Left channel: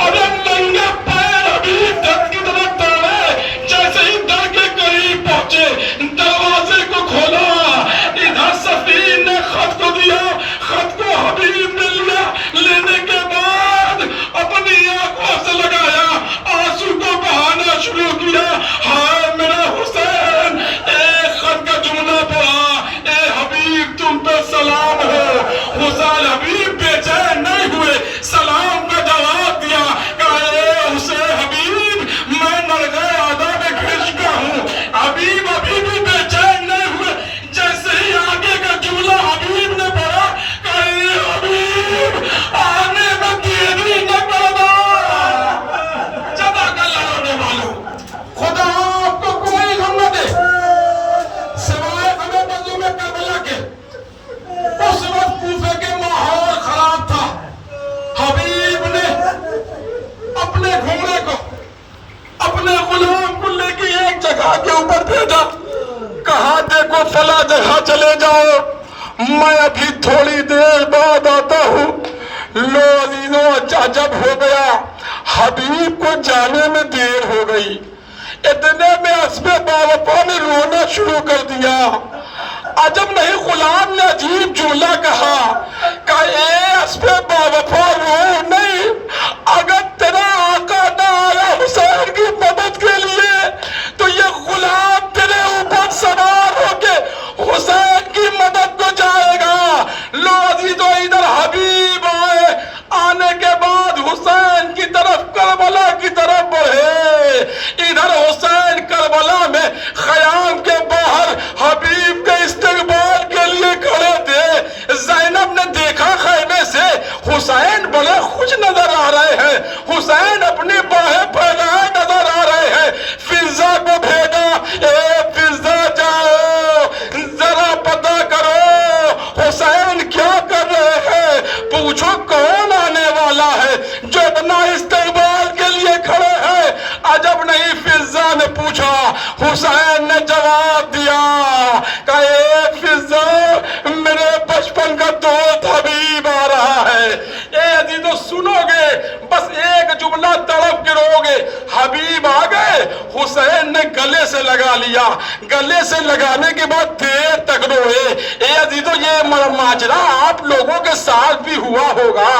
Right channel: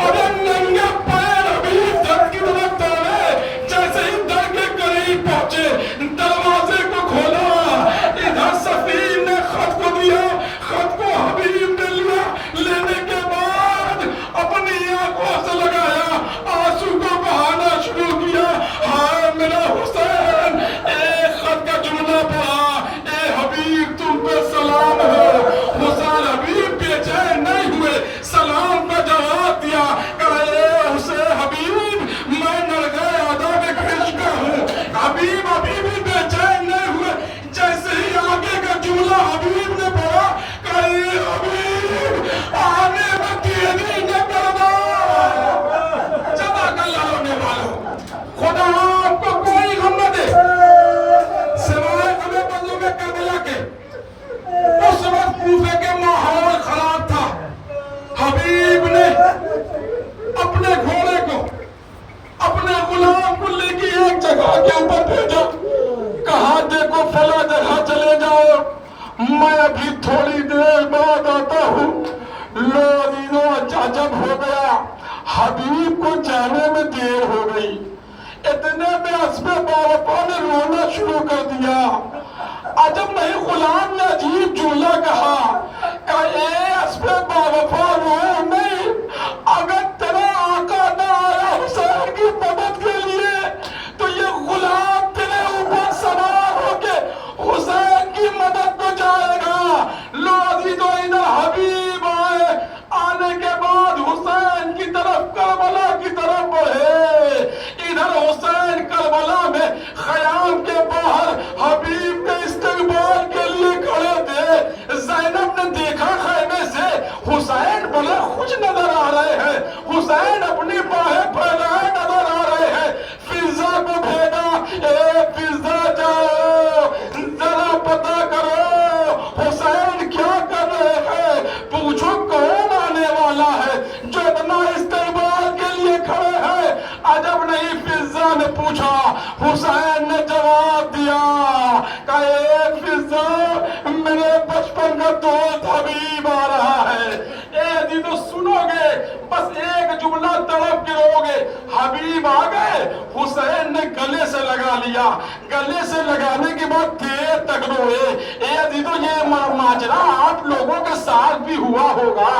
अरे नंगे पैर अभी दर की तरफ दौड़े, जैसे ही दर के करीब पहुंचे दरवाजे को खोला, इधर सफीर ने खत को दिया, खत को हबीब ने लिया, लेने के बाद अपनी आंखों से लगाया, आंसू को बहाना शुरू किया, हाय मेरा हुसैन। एक खत का जुमला पढ़ा, ए हबीब तुम पे सलाम हो। हुसैन हबीब बेचैन नहीं हुए, सलाम का जवाब दिया, कहा ए हुसैन हबीब मैं नरगे आदा में घिर चुका हूँ। हबीब अभी भी बेचैन नहीं हुए, जैसे ही आगे का जुमला हबीब ने पढ़ा, कहा ए हबीब आने में देरी न करना। जज़ाकल्लाह रोने वालों, खुदा आपको कोई गम न दे सिवाय हमें मज़लूम करबला के। उस वक्त कूफे के माहौल खराब था। हबीब ने अपने घोड़े को, अपने गुलाम को लेके एक जगह के ऊपर भेजा, कहा देखो फला जगह चले जाओ, मैं अभी थोड़ी देर बाद आता हूँ। लो अजीजों, अजब हो गया, हबीब को जाने में देर हो गई। इतने में अस्बे बारपा ने रोना शुरू कर दिया। अजब नहीं, गुलाम ने अजीब जुमला कहा, ए अस्बे बावफा रो नहीं, अगर तेरा आका ना आया हुसैन की मदद के लिए तो ये गुलाम तेरे ऊपर सवार होके हुसैन की मदद को जाएगा। लो अजीजों, इधर हबीब आए, आने के बाद हुसैन की तरफ करबला की तरफ बढ़े। इधर हुसैन करबला में खयाम के बाहर हबीब के इस्तेकबाल के लिए खड़े थे। ज़ैनब ने देखा खैमे से हुसैन बड़े खुश नजर आ रहे हैं, हुसैन अपनी बाहें फैलाए नजर आ रहे हैं। फिजा को भेजा, ए फिजा जाओ जरा पता करो हुसैन क्या कर रहे हैं, पूछो कौन आने वाला है जो इतना इस्तेकबाल के लिए खड़े हैं। अजब नहीं, फिजा ने पूछा, हुसैन ने जवाब दिया, कहे फिजा मेरे बचपन का दोस्त हबीब आ रहा है। ए अजीजों सुनोगे, बस एक जुमला तड़प गिरोगे, हबीब आ गए। हुसैन ने गले से लगा लिया, गले से लगाने के बाद देर तक रोए। ए अजीजों, ये माजरा आप लोगों के साथ भी हुआ होगा।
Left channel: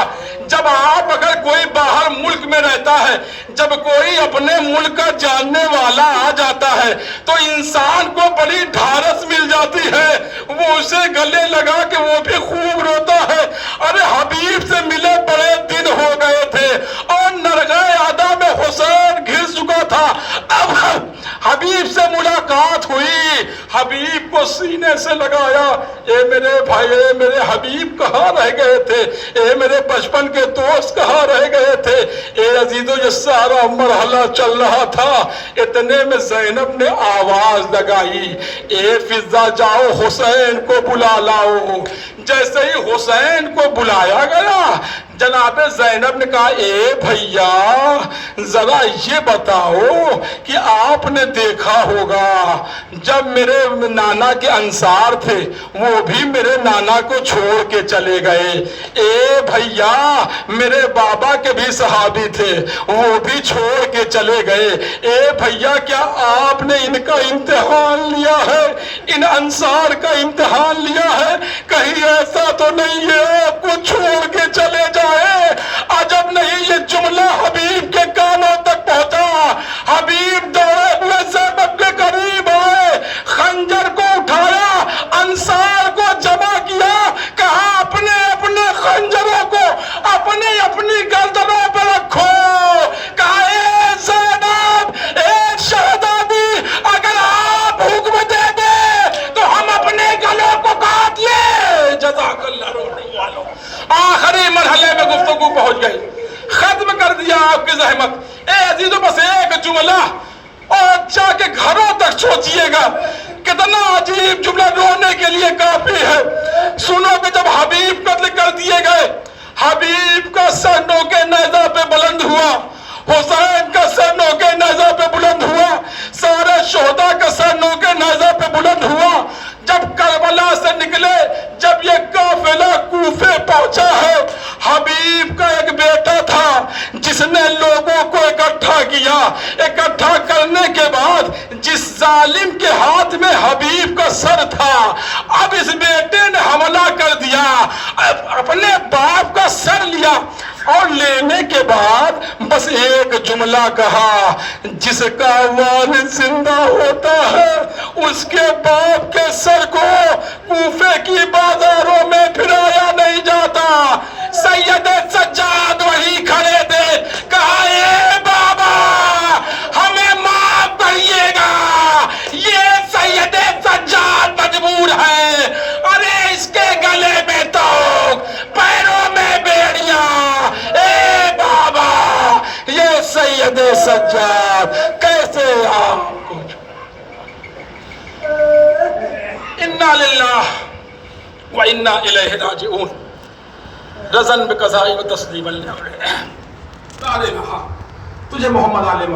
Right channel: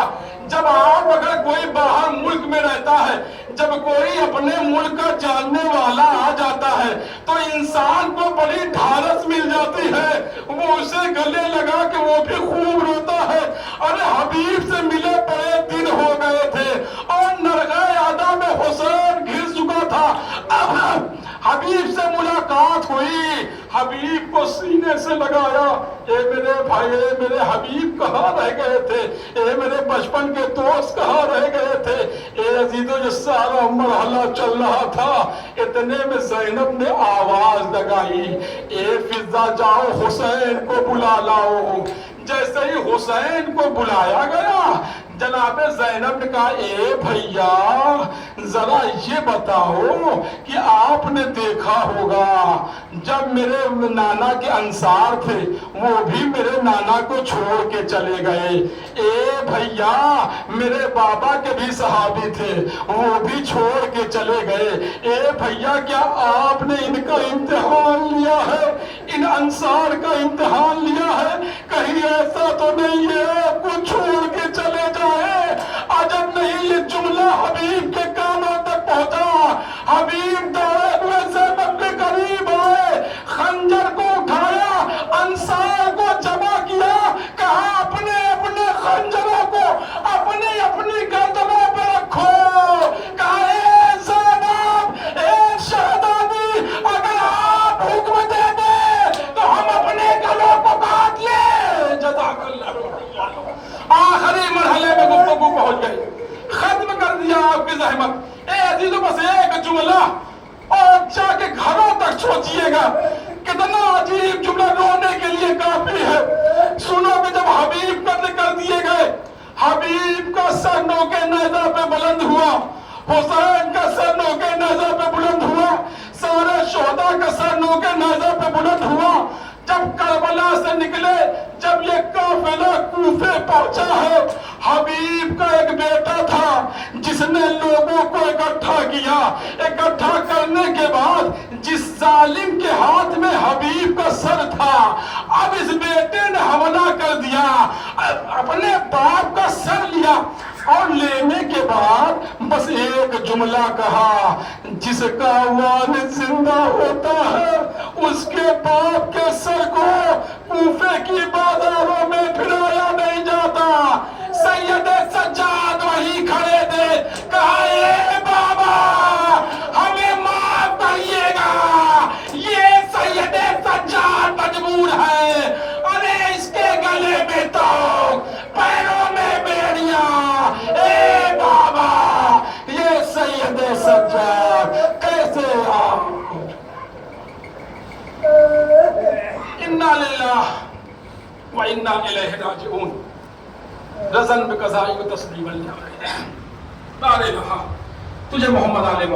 जब आप अगर कोई बाहर मुल्क में रहता है, जब कोई अपने मुल्क का जानने वाला आ जाता है तो इंसान को बड़ी ढारस मिल जाती है, वो उसे गले लगा के वो भी खूब रोता है। अरे हबीब से मिले बड़े दिन हो गए थे और नरगे आदा में हुसैन घिस चुका था। अब हबीब से मुलाकात हुई, हबीब को सीने से लगाया, ए मेरे भाई, ए मेरे हबीब कहाँ रह गए थे, ए मेरे बचपन के दोस्त कहाँ रह गए थे। ए अजीजों, ये सारा मरहला चल रहा था, इतने में ज़ैनब ने आवाज लगाई, ए फिजा जाओ हुसैन को बुला लाओ। जैसे ही हुसैन को बुलाया गया, जनाबे ज़ैनब ने कहा, ए भैया जरा ये बताओ कि आपने देखा होगा जब मेरे नाना के अंसार थे वो भी मेरे नाना को छोड़ के चले गए। ए भैया मेरे बाबा के भी सहाबी थे, वो भी छोड़ के चले गए। ए भैया क्या आपने इनका इम्तिहान लिया है, इन अंसार का इम्तिहान लिया है? कहीं ऐसा तो नहीं है आपको छोड़ के चले जाए। अजब नहीं, ये जुमला हबीब के कानों तक पहुंचा। हबीब दौड़े हुए ज़ैनब के करीब आए, खंजर को उठाया, अंसार को जमा किया, कहा अपने अपने खंजरों को अपनी अपनी गर्दनों पर रखो। कहा ए ज़ैनब, ए शहज़ादी, अगर आप हुक्म दे दे तो हम अपने गलों को काट ले। जज़ाकल्लाह रोने वालों, आखिरी मरहले में गुफ्तगू पहुंच गई, खत्म कर दिया आपकी ज़हमत। ए अजीजों, बस एक जुमला और जाके घरों तक सोचिएगा, कितना अजीब जुमला रोने के लिए काफी है। सुनो कि जब हबीब कत्ल कर दिए गए, हबीब का सर नोके नेज़ा पे बुलंद हुआ, हुसैन का सर नोके नेज़ा पे बुलंद हुआ, सारे शोहदा का सर नोके नेज़ा पे बुलंद हुआ। जब करबला से निकले, जब ये काफिला कूफे पहुंचा है, हबीब का एक बेटा था जिस جس نے لوگوں کو اکٹھا کیا، اکٹھا کرنے کے بعد جس ظالم کے ہاتھ میں حبیب کا سر تھا، اب اس بیٹے نے حملہ کر دیا، اپنے باپ کا سر لیا، اور لینے کے بعد بس ایک جملہ کہا، جس کا والد زندہ ہوتا ہے اس کے باپ کے سر کو کوفے کی بازاروں میں پھرایا نہیں جاتا۔ سید سجاد وہیں کھڑے تھے، کہا اے بابا ہمیں معاف کریے گا، یہ سید سجاد مجبور ہے، ارے اس کے گلے میں توق، پیروں میں بیڑیاں، اے بابا یہ سید سجاد کیسے آپ کو۔ انا للہ و انا الیہ راجعون، رضا بقضاء و تسلیما لامرہ۔ لا الہ، تجھے محمد علیہ